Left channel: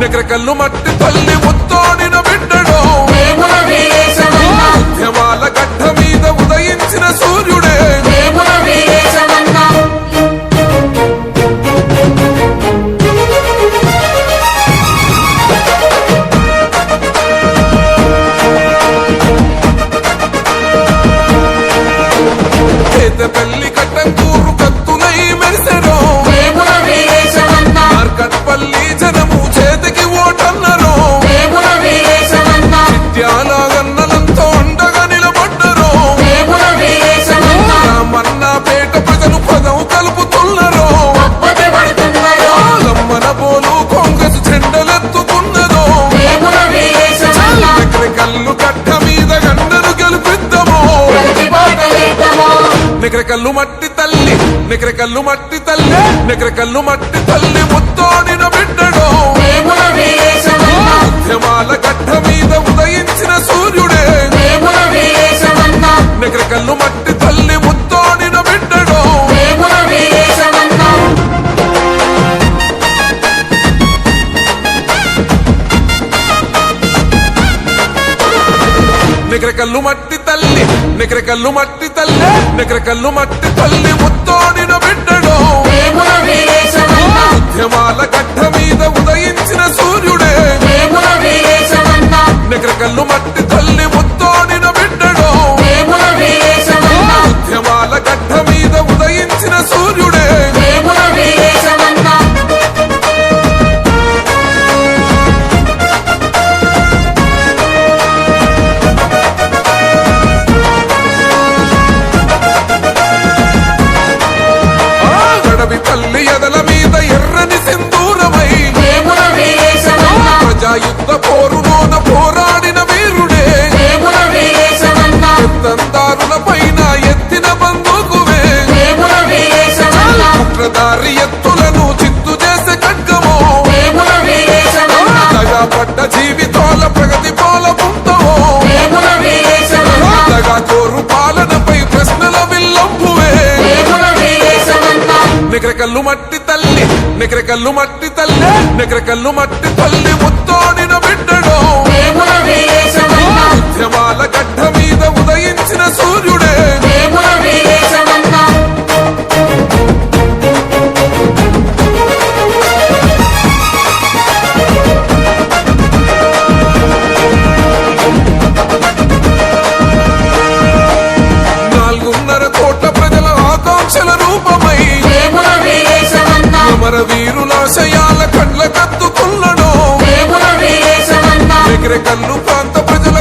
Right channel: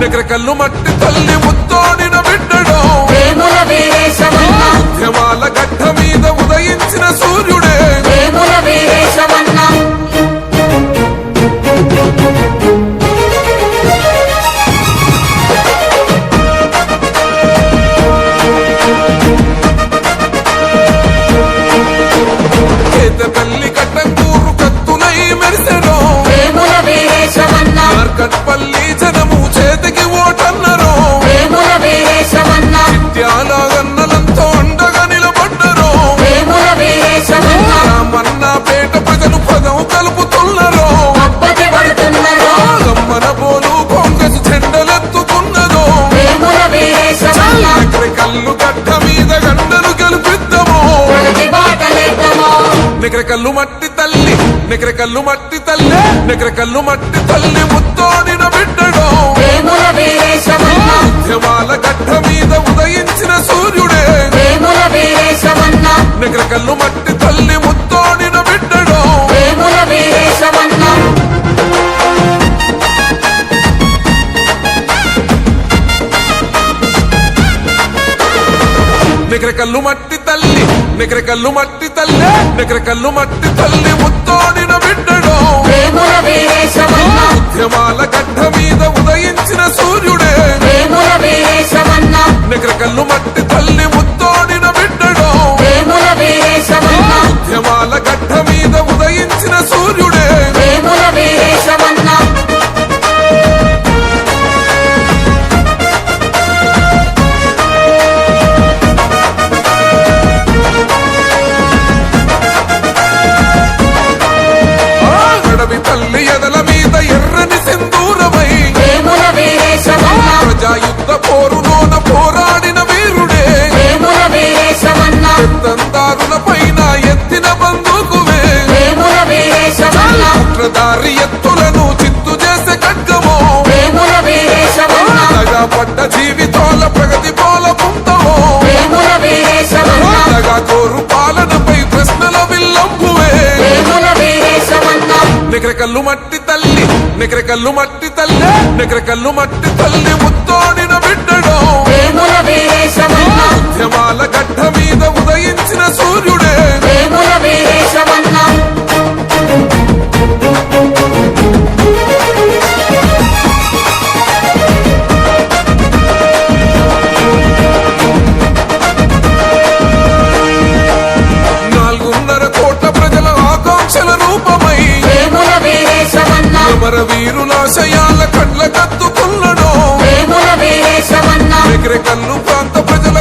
నెక్రకల్లు మట్టి తల్లి ముత్తోడిన బిడ్డడో ఉద్యమాల గడ్డ మీద ఉదయించిన సూర్యుడే తల్లి కట్టంకూరు కత్తులై మెరిసెనో మార్కట్పల్లి జనము చేతికి ఓటన్నరో చిట్యాలగన్నలంతో అండగా నిలబడ్డరో రామన్నపేట ప్రజలు పదం కలుపుతున్నరో గమ్మన పోలు కాంగ్రెస్ జెండలెత్తుకున్నదో నెక్రకల్లు గడ్డ మీద గండను గెలిపిద్దామో నెక్రకల్లు మట్టి తల్లి నెక్రకల్లు మట్టి తల్లి నెక్రకల్లు మట్టి తల్లి ముత్తోడిన బిడ్డడో ఉద్యమాల గడ్డ మీద ఉదయించిన సూర్యుడే నెక్రకల్లు మట్టి తల్లి ముత్తోడిన బిడ్డడో నెక్రకల్లు మట్టి తల్లి నెక్రకల్లు మట్టి తల్లి నెక్రకల్లు మట్టి తల్లి ముత్తోడిన బిడ్డడో ఉద్యమాల గడ్డ మీద ఉదయించిన సూర్యుడే నెక్రకల్లు మట్టి తల్లి ముత్తోడిన బిడ్డడో ఉద్యమాల గడ్డ మీద ఉదయించిన సూర్యుడే తల్లి ఎదల మీద ఎర్రని సింధూరమై ప్రజాయుద్ధ పోరులోన పోరాడిన వీరుడే పెత్తందారుల పైన ఎత్తిన బందూకువే కుట్రదారి ఎత్తులను చిత్తు చేసే ఖడ్గమో దగా పడ్డ జీవితాల ప్రగతి పాల పుంతమో దగా కోరు పాలనపై ప్రశ్నల విల్లంపువే నెక్రకల్లు మట్టి తల్లి నెక్రకల్లు మట్టి తల్లి నెక్రకల్లు మట్టి తల్లి ముత్తోడిన బిడ్డడో ఉద్యమాల గడ్డ మీద ఉదయించిన సూర్యుడే రూపమై అమర వీరులాశయాల కండ్ల కత్తుకున్నడో నెక్రకల్లు ప్రాంత ప్రజల